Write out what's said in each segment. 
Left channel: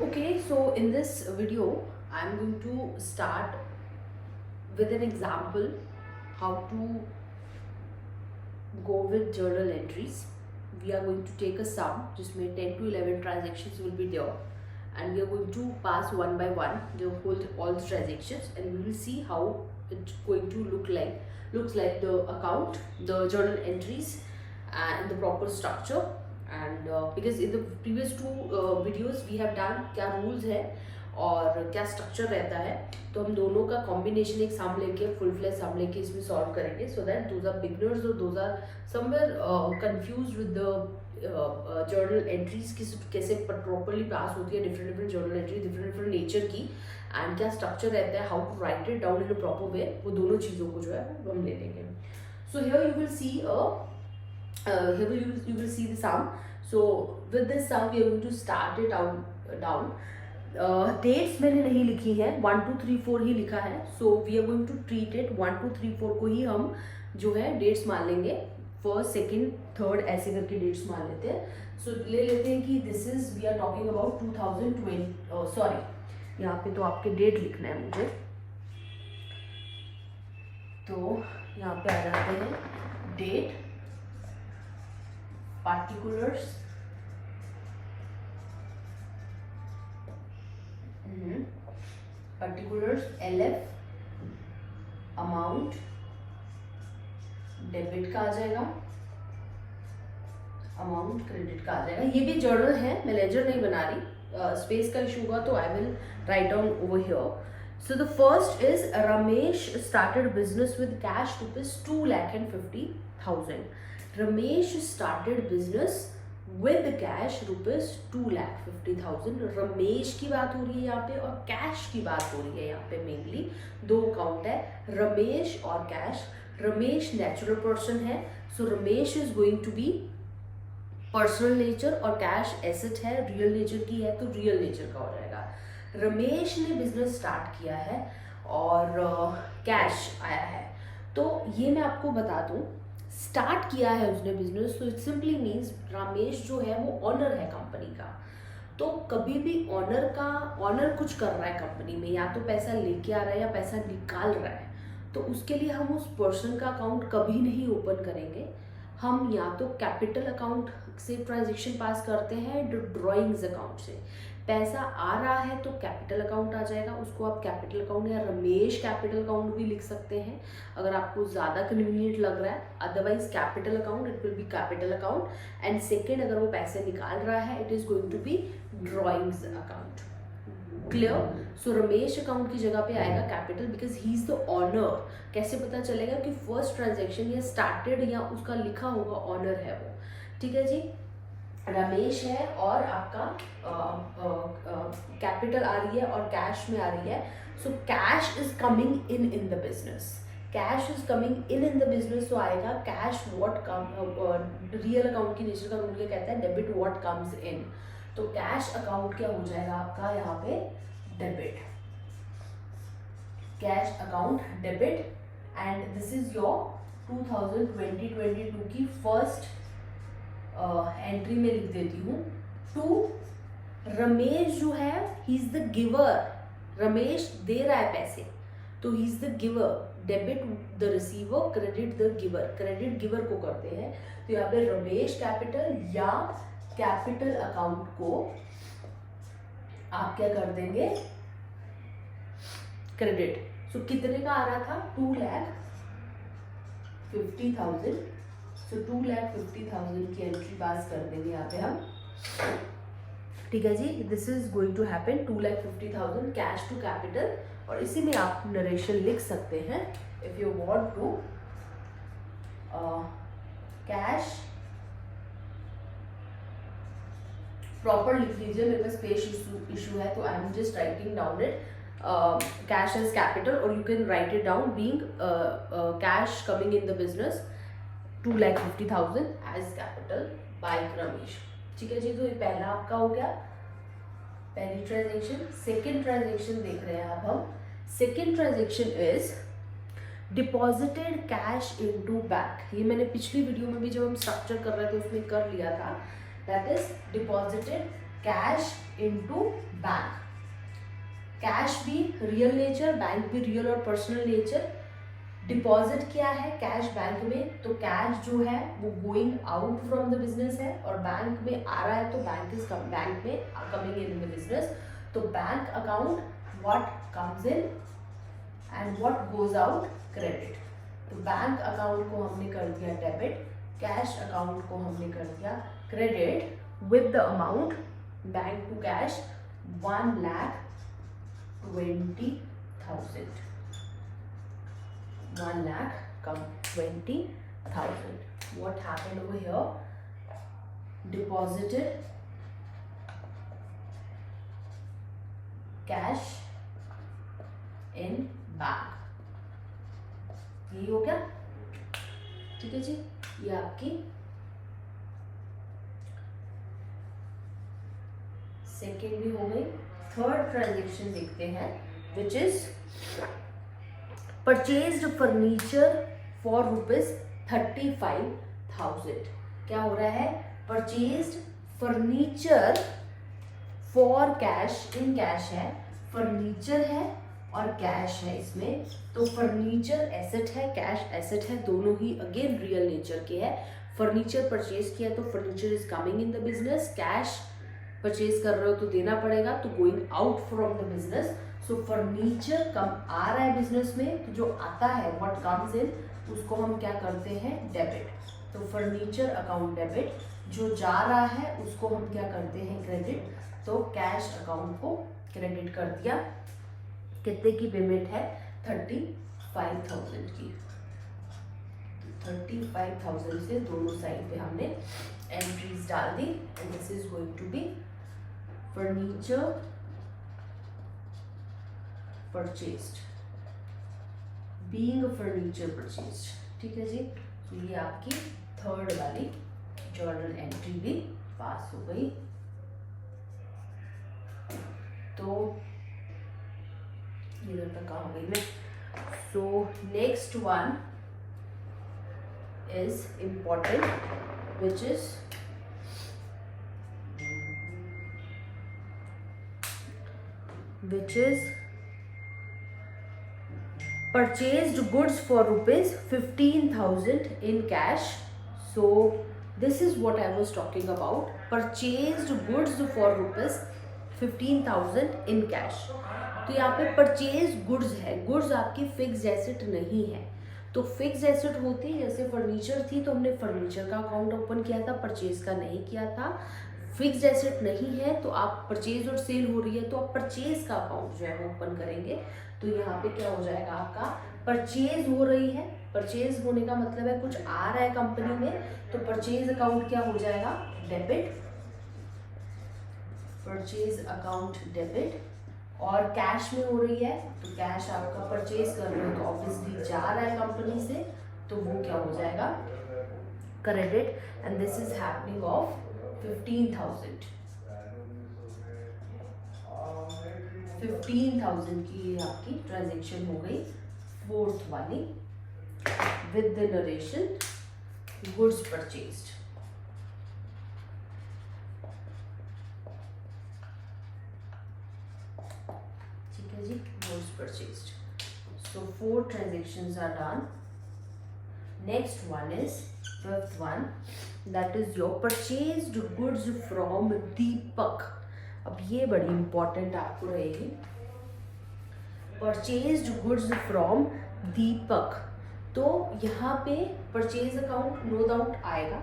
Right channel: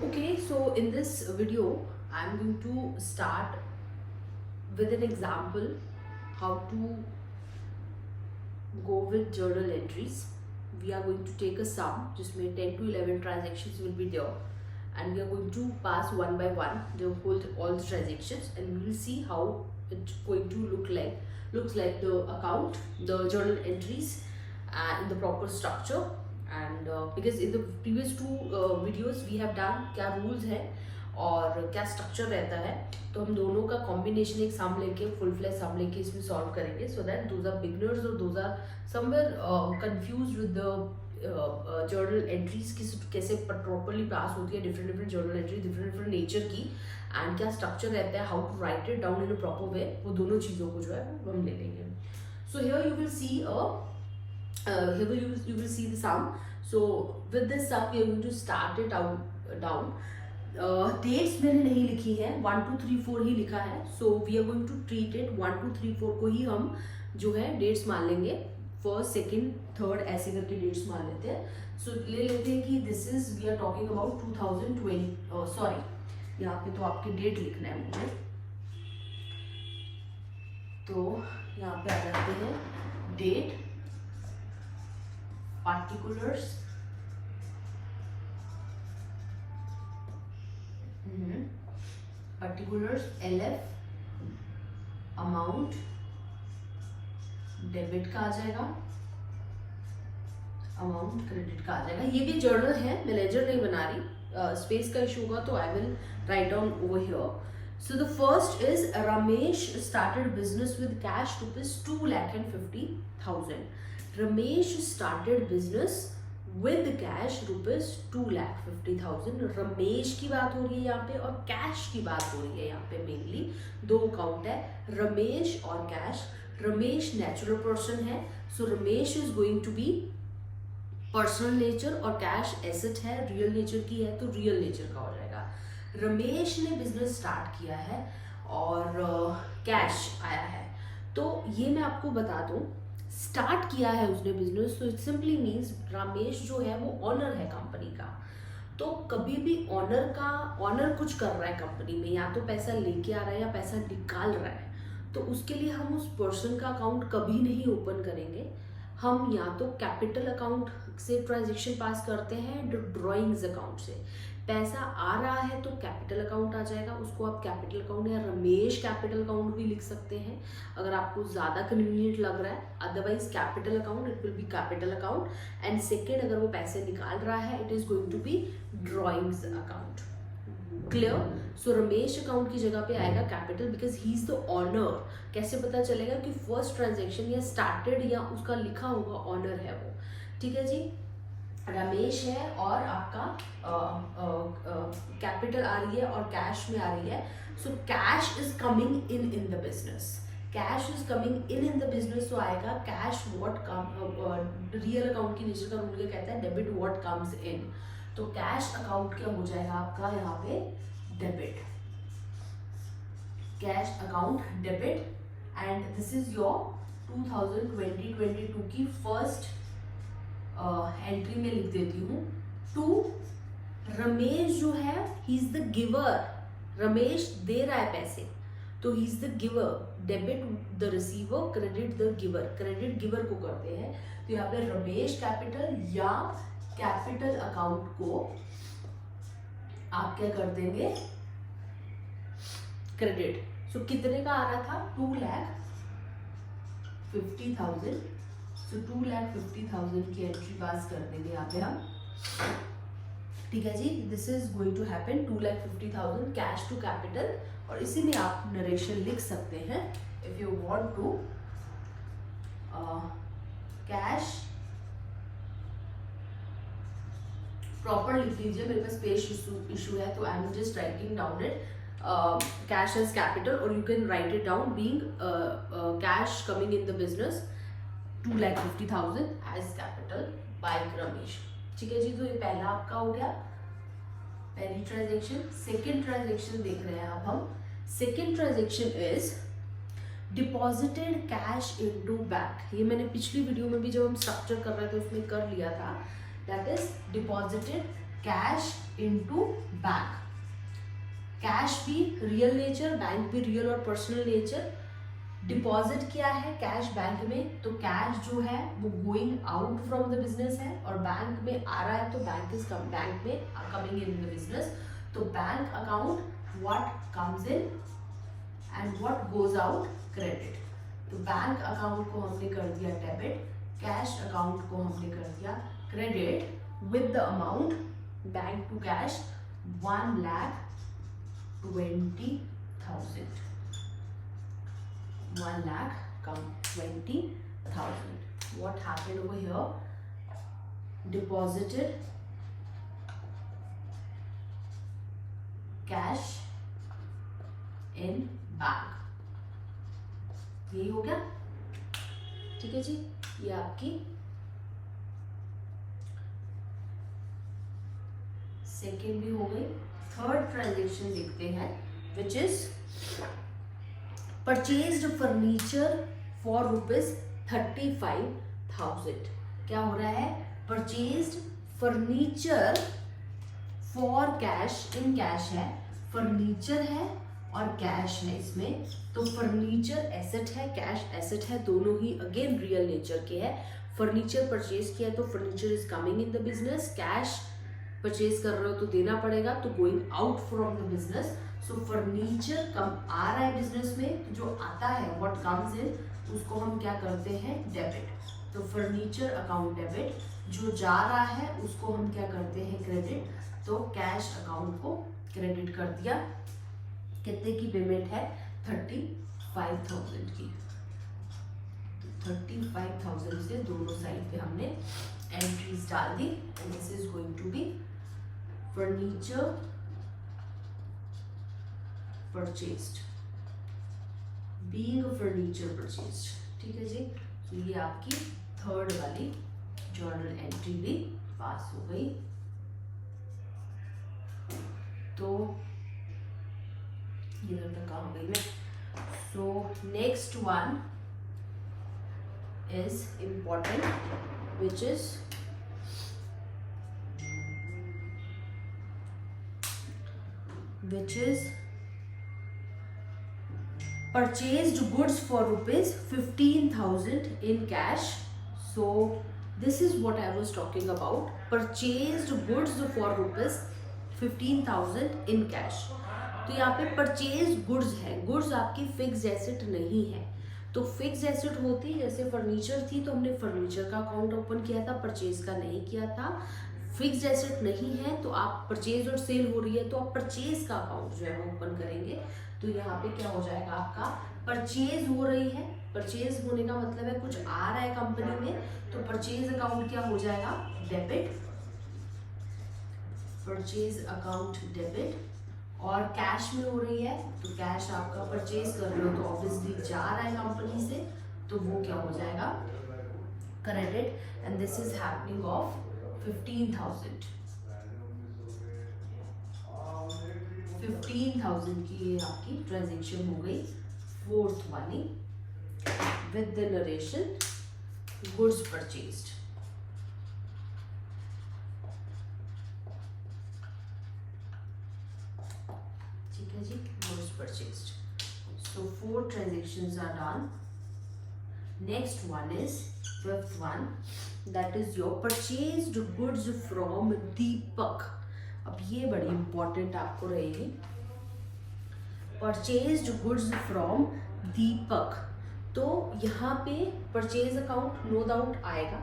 Okay, so in this video, I'm going to start with an example how to go with journal entries. We are going to take a sum, जिसमें 10 to 11 transactions will be there, and we are going to pass one by one the whole all the transactions, and we will see how it's going to look like. Looks like the account, the journal entries, in the proper structure. And because in the previous two videos we have done क्या rules है और क्या structure रहता है, तो हम दोनों का कॉम्बिनेशन एक सम लेके फुल फ्लैश सम लेके इसमें सॉल्व करेंगे, so that those are beginners और those are somewhere confuse with the journal entries की कैसे प्रॉपरली पास होती है, different different journal entry different different nature की, एंड क्या स्ट्रक्चर रहता है, how to write it down in a proper way, वो दोनों चीज़ों को जो है हम ले लेंगे. So here you will see you will see the sum. So with this sum we are going to start it out down. Dates मैंने नहीं लिखी है, 1 2 3 4 ही लिखा है. So we are going to treat it 1 2 3 4 को ही हम जो है डेट्स मान लेंगे, फर्स्ट सेकंड थर्ड ऐसे करके डेट्स मान लेते हैं. सो ले लेते हैं कि this is we are talking about 2020. Sorry, यहाँ पे तो आपके डेट लिखना है मुझे, तो यहाँ पे आ जाते हैं date, particulars, particulars, LF, amount, debit का आ जाएगा, अमाउंट क्रेडिट का आ जाएगा. ये भी जर्नल है, मैं लेजर नहीं बना रही, स्पेस का इशू होगा तो I will write down over here. So the first is Ramesh started business with cash rupees 2,50,000. Ramesh started business with cash rupees 2,50,000. Ramesh की बात हो रही है यहाँ पे और कैश की बात हो रही है यहाँ पे. मेनली दो अकाउंट है, रमेश और कैश. रमेश नेचुरल पर्सन है, so Ramesh is going to be personal nature, और कैश एसेट है, रियल नेचर की है तो रियल नेचर का हो जाएगा. रमेश ने बिजनेस स्टार्ट किया है और कैश आया है, तो ये मैं आपको बता दूं, स्टार्ट किया है उसने बिजनेस, तो इट सिंपली मीन्स रमेश जो है वो ऑनर है कंपनी का. तो कभी भी ऑनर कुछ कर रहा है कंपनी में, या तो पैसा लेके आ रहा है या पैसा निकाल रहा है, तो उसके लिए हम उस पर्सन का अकाउंट कभी नहीं ओपन करेंगे. हम या तो कैपिटल अकाउंट से ट्रांजेक्शन पास करते हैं, ड्रॉइंग्स अकाउंट से. पैसा आ रहा है तो कैपिटल अकाउंट आ जाएगा, उसको आप कैपिटल अकाउंट या रमेश कैपिटल अकाउंट भी लिख सकते हैं अगर आपको ज़्यादा कन्वीनियंट लग रहा है. Otherwise capital account, it will be capital account. And second, अगर वो पैसे निकाल रहा है, it is going to be drawings account. Clear? So Ramesh account की जगह पे आएगा capital, because he is the owner. कैसे पता चलेगा कि फर्स्ट ट्रांजेक्शन या स्टार्टेड या उसका लिखा होगा ऑनर है वो. ठीक है जी, रमेश है और आपका कैपिटल आ रही है और कैश में आ रही है. So cash is coming in the business, cash is coming in the business. तो आएगा cash what come, real account की नेचर का रूल क्या कहता है, डेबिट व्हाट कम्स इन. तो कैश अकाउंट क्या हो जाएगा आपका यहाँ पे, debit. Cash account debit. And this is your 2020-22 की फर्स्ट एंट्री में लिख देती हूँ. टू रमेश जो है, he is the giver. Ramesh दे रहा है पैसे, तो he is the giver. Debit the receiver, credit the giver. Credit giver को करते हैं, तो यहाँ पे रमेश कैपिटल या कैपिटल अकाउंट को आप क्या कर देंगे, क्रेडिट. सो कितने का आ रहा था, 2,50,000. सो 2,50,000 की एंट्री पास कर देंगे यहाँ पे हम. ठीक है जी, this is going to happen, 2,50,000 cash to capital. और इसी में आप नरेशन लिख सकते हैं if you want to. Cash proper लिख लीजिए, मेरे पास स्पेस इशू है तो I am just writing down it. Cash as capital, और you can write it down being cash coming in the business, 2,50,000 as capital by Ramesh. ठीक है जी, तो ये पहला आपका हो गया, पहली ट्रांजेक्शन. सेकेंड ट्रांजेक्शन देख रहे हैं अब हम. Second transaction is deposited cash into bank. ये मैंने पिछली वीडियो में भी जब हम स्ट्रक्चर कर रहे थे उसमें कर लिया था. That is deposited cash into bank. Cash भी रियल नेचर, बैंक भी रियल और पर्सनल नेचर। डिपॉजिट क्या है कैश बैंक में, तो कैश जो है वो going out from the business है और बैंक में आ रहा है, तो बैंक में कमिंग इन द बिजनेस। तो bank account what comes in and what goes out credit. तो बैंक अकाउंट को हमने कर दिया डेबिट, कैश अकाउंट को हमने कर दिया credit with the amount bank to cash 1,20,000। 1,20,000. What happened over here? Deposited cash in bank. यही हो गया, ठीक है जी। ये आपकी सेकेंड भी हो गई। थर्ड ट्रांजेक्शन देखते हैं, which is purchased furniture for ₹35,000। क्या हो रहा है? Purchased furniture for cash, in cash है, फर्नीचर है और कैश है इसमें। तो फर्नीचर एसेट है, कैश एसेट है, दोनों ही अगेन रियल नेचर के है। फर्नीचर परचेज किया तो furniture is coming in the business, cash purchase कर रहे हो तो देना पड़ेगा, तो going out from the business. So furniture come आ रहा है बिजनेस में, तो जो आता है व्हाट कम्स इन, उसको हम क्या करते हैं? डेबिट। तो फर्नीचर अकाउंट डेबिट, जो जा रहा है उसको हम क्या करते हैं? क्रेडिट। तो कैश अकाउंट को क्रेडिट कर दिया। कितने की पेमेंट है? 35,000 की। 35,000 से दोनों साइड पे हमने एंट्रीज डाल दी and this is going to be furniture purchased, being a furniture purchased, ठीक है जी। तो ये आपकी थर्ड वाली जर्नल एंट्री भी पास हो गई। तो इधर तक कहाँ गई मैं? So next one is important, which is purchased goods for ₹15,000 in cash. So this is what I was talking about, purchased goods for ₹15,000 in cash. तो यहाँ पे परचेज गुड्स है, गुड्स आपकी फिक्स एसेट नहीं है। तो फिक्स एसेट होती है, जैसे फर्नीचर थी तो हमने फर्नीचर का अकाउंट ओपन किया था, परचेज का नहीं किया था। फिक्स एसेट नहीं है तो आप परचेज और सेल हो रही है तो आप परचेज का अकाउंट जो है वो ओपन करेंगे। तो यहाँ पे क्या हो जाएगा? आपका परचेज हो रही है, परचेज होने का मतलब है कुछ आ रहा है कंपनी में, तो परचेज अकाउंट क्या हो जाएगा? Debit, purchase account debit. और कैश में हो रही है तो कैश आपका परचेज कर रहे हो तो ऑब्वियसली जा रहा है कंपनी से, तो वो क्या हो जाएगा? Credit. And this is happening of 15,000। 15,000 की आपकी ट्रांजेक्शन हो गई, फोर्थ वाली, with the narration goods purchased. ठीक है जी, goods purchased. So 4 transactions are done. Next one is fifth one, that is your purchased goods from दीपक। अब ये बड़ी इंपॉर्टेंट आपको रहेगी, परचेज्ड गुड्स फ्रॉम दीपक। तो यहाँ पे परचेज अकाउंट नो डाउट आएगा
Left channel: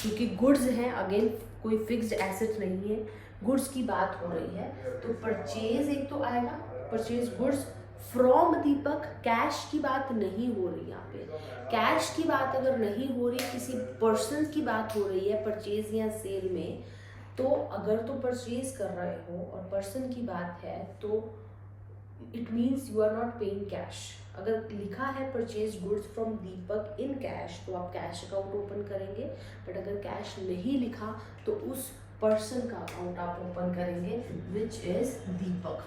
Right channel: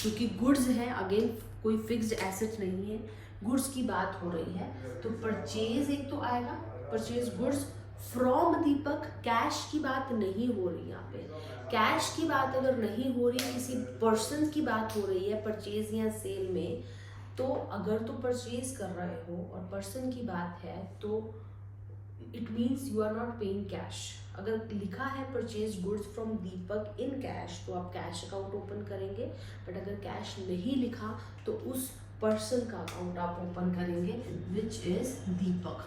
क्योंकि गुड्स हैं, अगेन कोई फिक्स्ड एसेट नहीं है, गुड्स की बात हो रही है, तो परचेज एक तो आएगा, purchase goods from Deepak. Cash की बात नहीं हो रही यहाँ पे, कैश की बात अगर नहीं हो रही, किसी पर्सन की बात हो रही है परचेज या सेल में, तो अगर तो परचेज कर रहे हो और पर्सन की बात है तो it means you are not paying cash. अगर लिखा है purchase goods from Deepak in cash तो आप कैश अकाउंट ओपन करेंगे, बट अगर कैश नहीं लिखा तो उस पर्सन का अकाउंट आप ओपन करेंगे विच इज दीपक।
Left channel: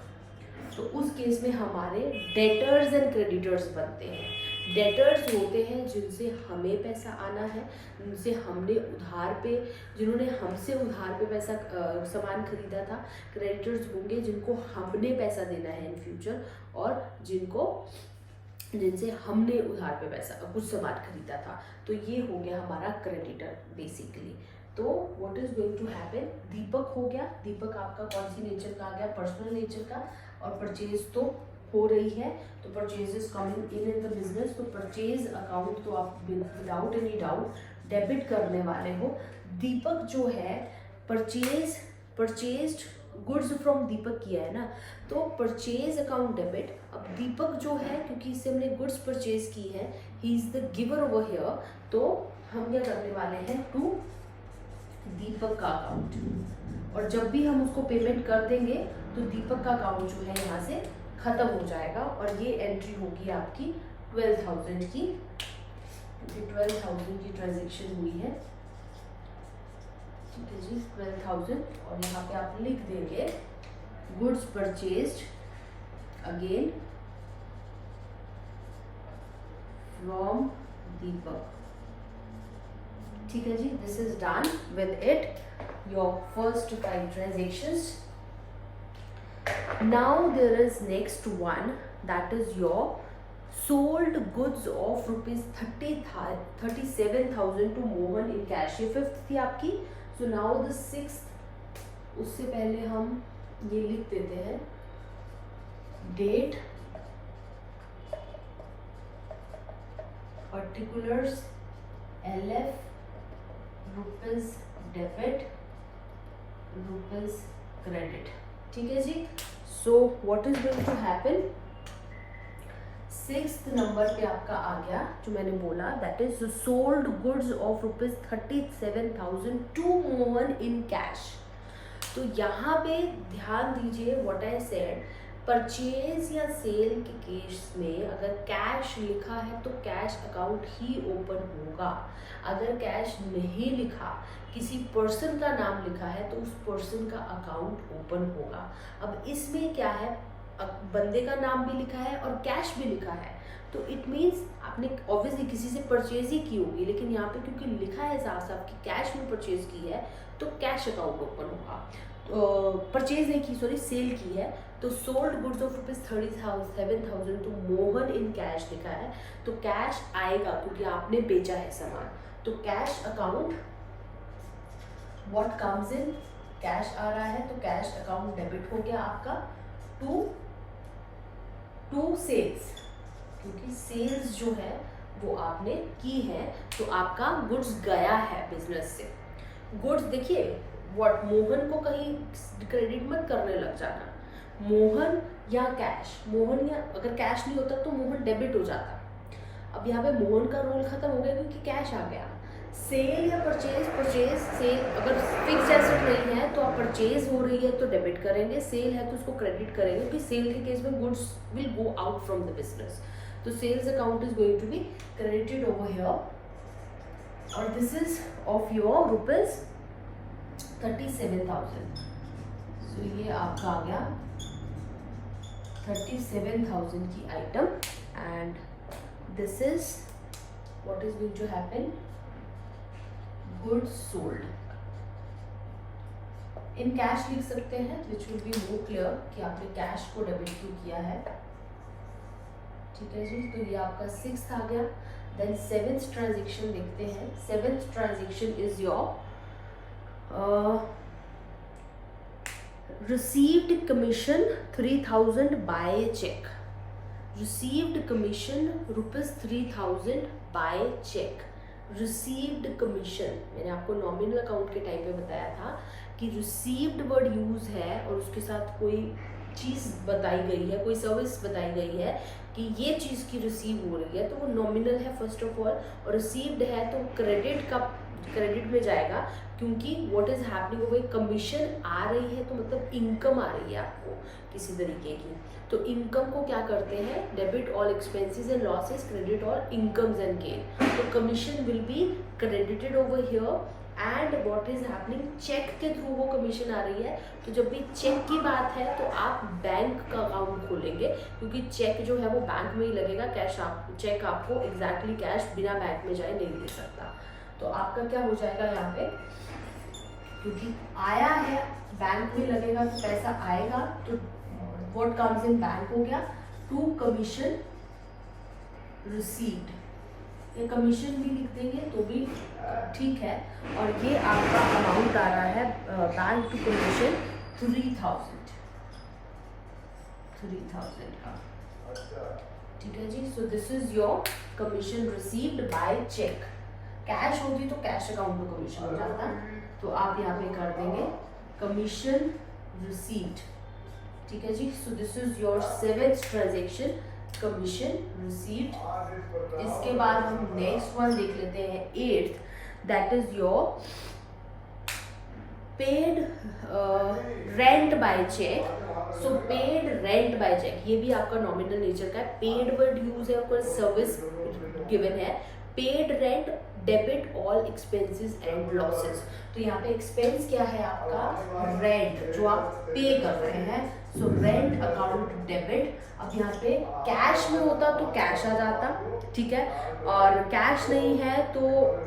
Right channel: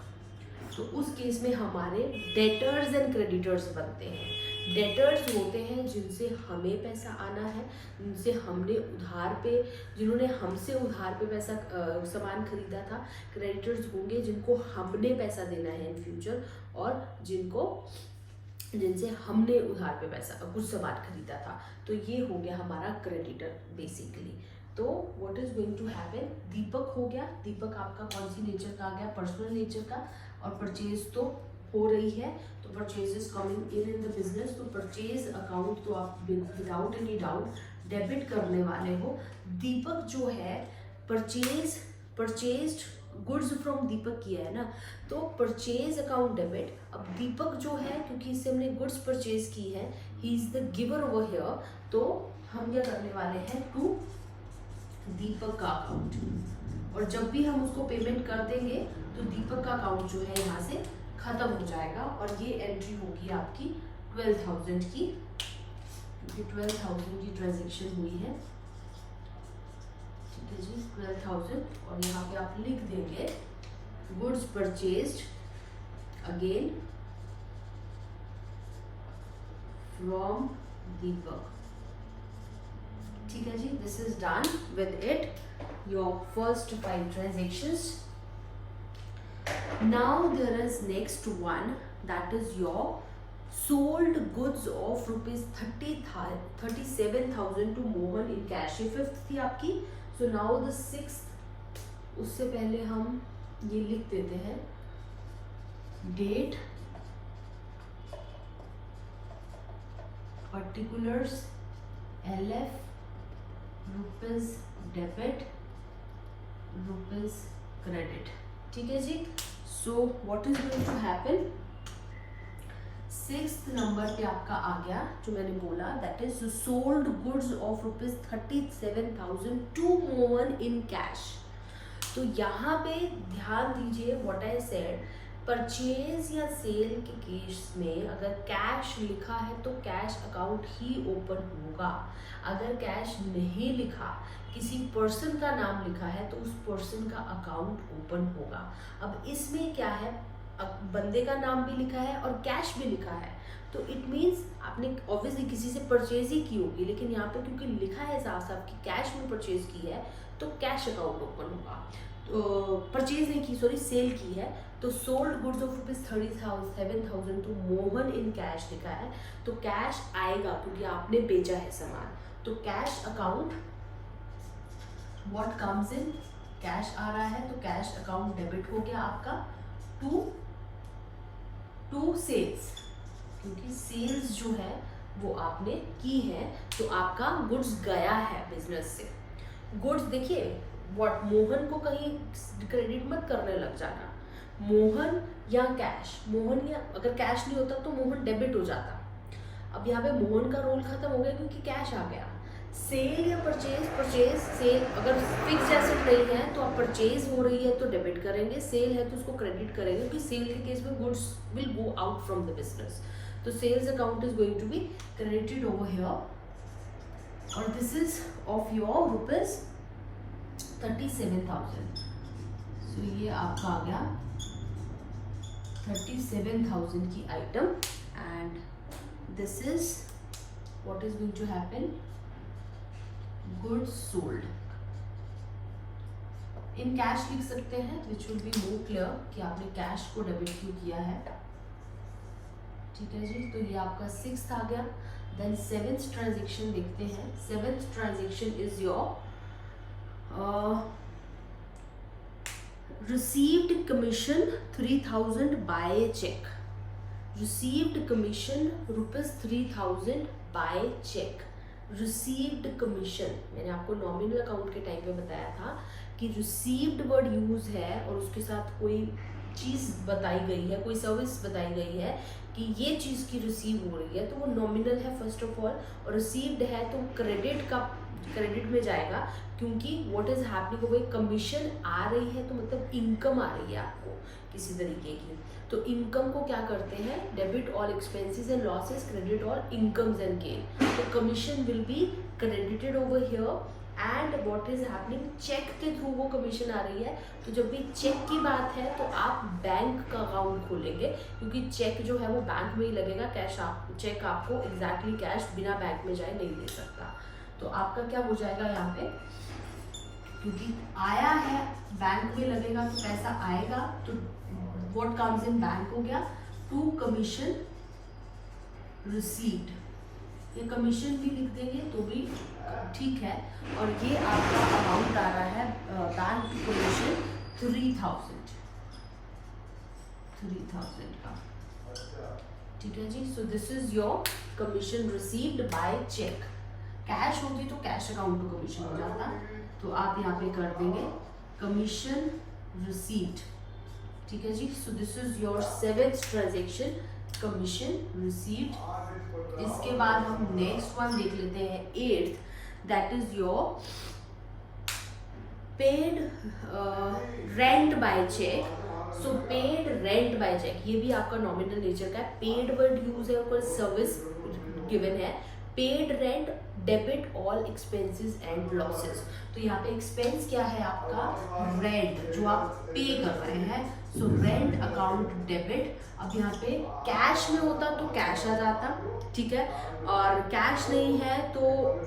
तो उस केस में हमारे डेटर्स एंड क्रेडिटर्स बनते हैं। डेटर्स होते हैं जिनसे हमें पैसा आना है, जिनसे हमने जिन्होंने हमसे उधार पे पैसा सामान खरीदा था। क्रेडिटर्स होंगे जिनको हमने पैसा देना है इन फ्यूचर, और जिनसे हमने उधार पे पैसा कुछ सामान खरीदा था। तो ये हो गया हमारा क्रेडिटर बेसिकली। तो what is going to happen, Deepak हो गया। दीपक आपका कौन सी नेचर का आ गया, पर्सनल नेचर का, और परचेज तो हो रही है, तो purchase is coming in the business. तो परचेज अकाउंट तो आप विदाउट एनी डाउट डेबिट करने वाले हो। दीपक जो है परचेज्ड गुड्स फ्रॉम दीपक किया है ना, तो परचेज अकाउंट डेबिट। अब दीपक जो है, क्योंकि इससे हमने गुड्स परचेज की है, he is the giver over here, तो हम क्या करने वाले हैं टू दीपक का अकाउंट, और जब भी हम उसको पेमेंट कर देंगे तो दीपक का अकाउंट जो है यहाँ से खत्म हो जाएगा, और ये एंट्री होगी आपकी 12,000 की। 12,000 की ट्रांजेक्शन हुई है, ठीक है जी, 12,000। और यहाँ पे आप लिख देंगे goods purchased again from Deepak, ठीक है जी। This is done with it your first 5 transactions. Now there is next one, that is your sold goods of rupees 37,000 to Mohan in cash. ये 5th थी आपकी। So now the 6th, उससे पहले हम ये लिख देते हैं date, particulars, LF, rupees debit, rupees credit, ठीक है जी। So what is going to happen, 6th number पे आपका आ गया जो मैंने बोला, that is sold goods of rupees 37,000 to Mohan in cash. तो यहाँ पे ध्यान दीजिए व्हाट आई सेड, परचेज या सेल के केस में अगर कैश लिखा है तो कैश अकाउंट ही ओपन होगा। अगर कैश नहीं लिखा, किसी पर्सन का नाम लिखा है, तो उस पर्सन का अकाउंट ओपन होगा। अब इसमें क्या है, बंदे का नाम भी लिखा है और कैश भी लिखा है, तो इट मीन्स आपने ऑब्वियसली किसी से परचेज ही की होगी, लेकिन यहाँ पे क्योंकि लिखा है साफ साफ कि कैश में परचेज की है, तो कैश अकाउंट ओपन होगा। परचेज नहीं की, सॉरी सेल की है, तो सोल्ड गुड्स ऑफ रुपीज 37,000 तो मोहन इन कैश लिखा है, तो कैश आएगा क्योंकि आपने बेचा है सामान। तो cash account what comes in, cash आ रहा है, तो कैश अकाउंट डेबिट हो गया आपका टू सेल्स, क्योंकि सेल्स जो है वो आपने की है, तो आपका गुड्स गया है बिजनेस से। गुड्स देखिए व्हाट, मोहन को कहीं क्रेडिट मत करने लग जाना, मोहन या कैश, मोहन या अगर कैश नहीं होता तो मोहन डेबिट हो जाता। अब यहाँ पे मोहन का रोल खत्म हो गया क्योंकि कैश आ गया। सेल या परचेज सेल, अगर फिक्स एसेट नहीं है तो आप परचेज हो रही है तो डेबिट करेंगे, सेल है तो उसको क्रेडिट करेंगे, क्योंकि सेल के केस में goods will go out from the business. तो sales account is going to be credited over here, और this is of your rupees 37,000। So ये आपका आ गया 37,000 की item, and this is what is going to happen, goods sold in cash लिख सकते हैं, which will be more clear कि आपने कैश को डेबिट क्यों किया है, ठीक है जी। तो ये आपका 6th आ गया। देन 7th ट्रांजेक्शन देखते हैं। 7th transaction is your received commission 3,000 by check, received commission rupees 3,000 by check, received commission मैंने आपको नॉमिनल अकाउंट के टाइम पे बताया था कि received वर्ड यूज है और उसके साथ कोई चीज़ बताई गई है, कोई सर्विस बताई गई है कि ये चीज़ की रिसीव हो रही है, तो वो नॉमिनल है फर्स्ट ऑफ ऑल, और रिसीव्ड है तो क्रेडिट में जाएगा, क्योंकि व्हाट इज हैपनिंग, वो कमीशन आ रही है तो मतलब इनकम आ रही है आपको किसी तरीके की। तो इनकम को क्या करते हैं, debit all expenses and losses, credit all incomes and gain. तो commission will be credited over here and what is happening, cheque के थ्रू वो कमीशन आ रही है। तो जब भी चेक की बात है तो आप बैंक का अकाउंट खोलेंगे, क्योंकि चेक जो है वो बैंक में ही लगेगा, कैश आप चेक आपको एग्जैक्टली कैश बिना बैंक में जाए नहीं ले सकता। तो आपका क्या हो जाएगा यहाँ पे, क्योंकि आया है बैंक में लगेगा तो पैसा आएगा, तो व्हाट कम्स इन बैंक हो गया टू कमीशन रिसीव्ड, ये कमीशन भी लिख देंगे तो भी ठीक है। और ये आपका अमाउंट आ रहा है बैंक टू कमीशन 3000 का, ठीक है जी। So this is your commission received by cheque. Cash होती तो कैश अकाउंट टू कमीशन हो जाता, तो आप यहाँ पे कर देंगे कमीशन रिसीव्ड, ठीक है जी। So this is your 7th transaction, commission received. इसके बाद हम नेक्स्ट वन देख लेते हैं 8th, that is your paid rent by cheque. So paid rent by cheque, ये भी आपका नॉमिनल नेचर का है, पेड वर्ड यूज है और कोई सर्विस गिवन है। Paid rent debit all expenses and losses, तो यहाँ पे एक्सपेंस क्या है आपका, रेंट जो आप पे कर रहे हैं। सो रेंट अकाउंट डेबिट, अब यहाँ पे कैश में होता तो कैश आ जाता, ठीक है, और कैश नहीं है तो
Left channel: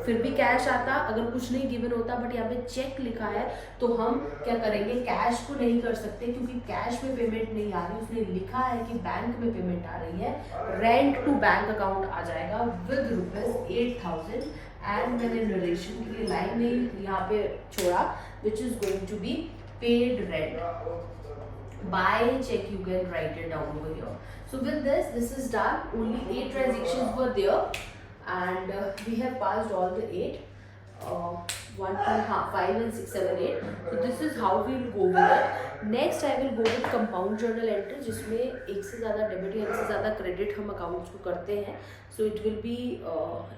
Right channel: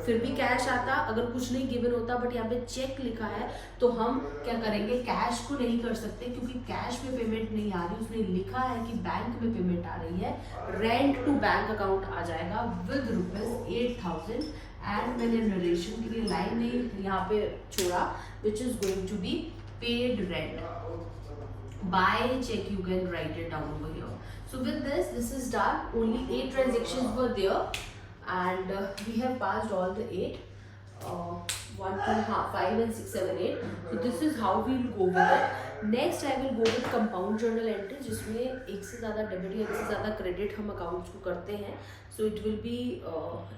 फिर भी कैश आता अगर कुछ नहीं गिवन होता, बट यहाँ पे चेक लिखा है तो हम क्या करेंगे, कैश को नहीं कर सकते क्योंकि कैश में पेमेंट नहीं आ रही, उसने लिखा है कि बैंक में पेमेंट आ रही है, रेंट टू बैंक अकाउंट आ जाएगा विद ₹8,000। एंड मैंने नरेशन के लिए लाइन नहीं यहाँ पे छोड़ा, which is going to be paid rent by check, you can write it down over here. So with this is done, only 8 transactions were there and we have passed all the 8, 1 2 5 and 6 7 8. So this is how we will go with it. Next I will go with compound journal entry, जिसमें एक से ज़्यादा debit या एक से ज़्यादा credit हम accounts को करते हैं। So it will be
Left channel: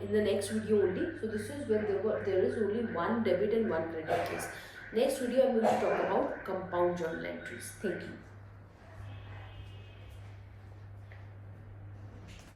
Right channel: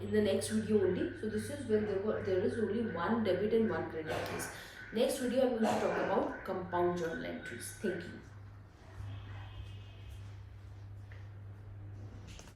in the next video only. So this is when there is only 1 debit and 1 credit case. Next video I am going to talk about compound journal entries. Thank you.